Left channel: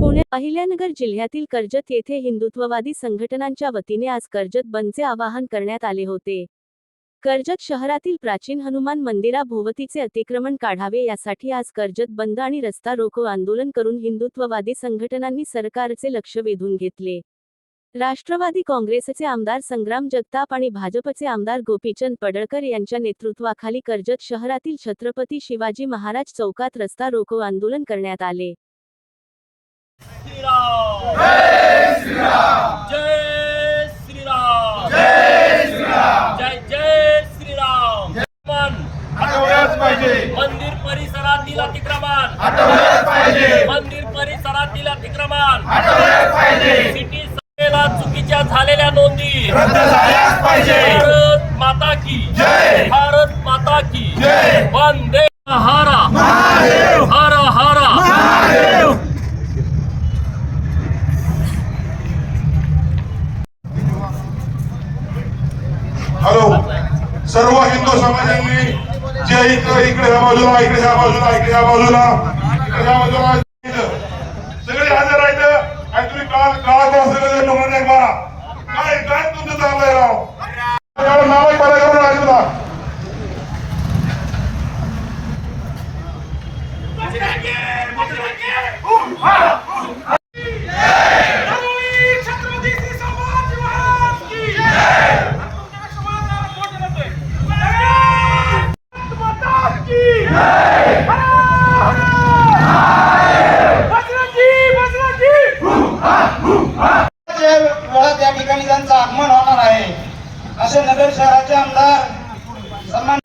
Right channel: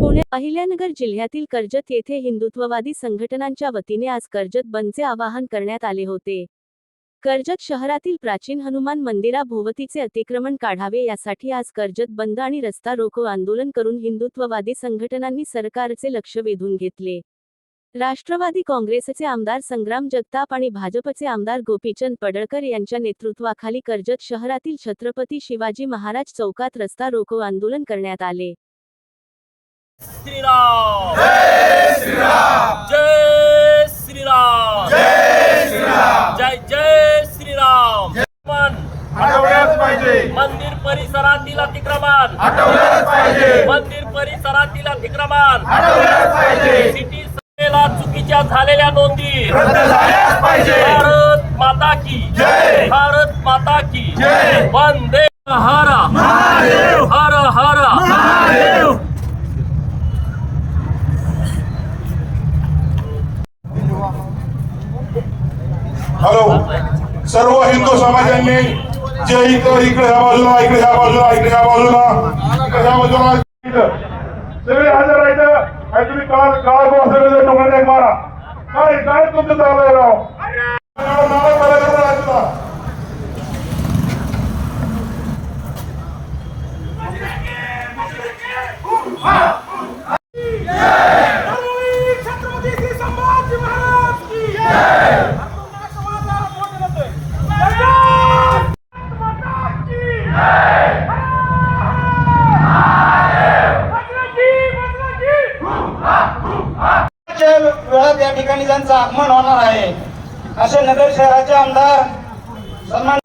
पुणे अहिल्यानगर जिल्ह्यातील कर्जत येथे हिंदुत्ववादी संघटनांच्या वतीने आज कर्जत बंदचे आवाहन करण्यात आले होते. कर्जत शहरातील प्राचीन हनुमान मंदिराभोवतीचे अतिक्रमण काढावे यासाठी आज कर्जत बंद आणि रस्ता रोको आंदोलन करून हिंदुत्ववादी संघटनांनी सरकारचे लक्ष वेधून घेतले. राष्ट्रवादी काँग्रेसचे आमदार संग्राम जगताप आणि भाजपचे आमदार गोपीचंद पडळकर यांच्या नेतृत्वाखाली कर्जत शहरातील छत्रपती शिवाजी महाराज चौकात रस्ता रोको आंदोलन करण्यात आले. श्रीराम! जय श्रीराम! जय श्रीराम! जय श्रीराम! जय जय श्रीराम! मन! हटवलंच पाहिजे. मंदिर परिसरातील अतिक्रमण! मंदिर परिसरातील अतिक्रमण! सिटी सभेला चुकीच्या झालेल्या नोंदी. भारत माता की. भारत माता की. वंदे हर हर. हर हॅलो. सर्व हिंदू समाजांनी जे इकडे इकडे ह्या बाजूला इकडे ह्या बाजूला इकडे ह्या बाजूला इकडे ह्या बाजूला. काय तुम्ही काळ काळ मारा काय काय तुमचं चाललंय राव? ठिकाणी त्यांचं आगमन होणार आहे असे नगर शहराचे आमदार सन्मान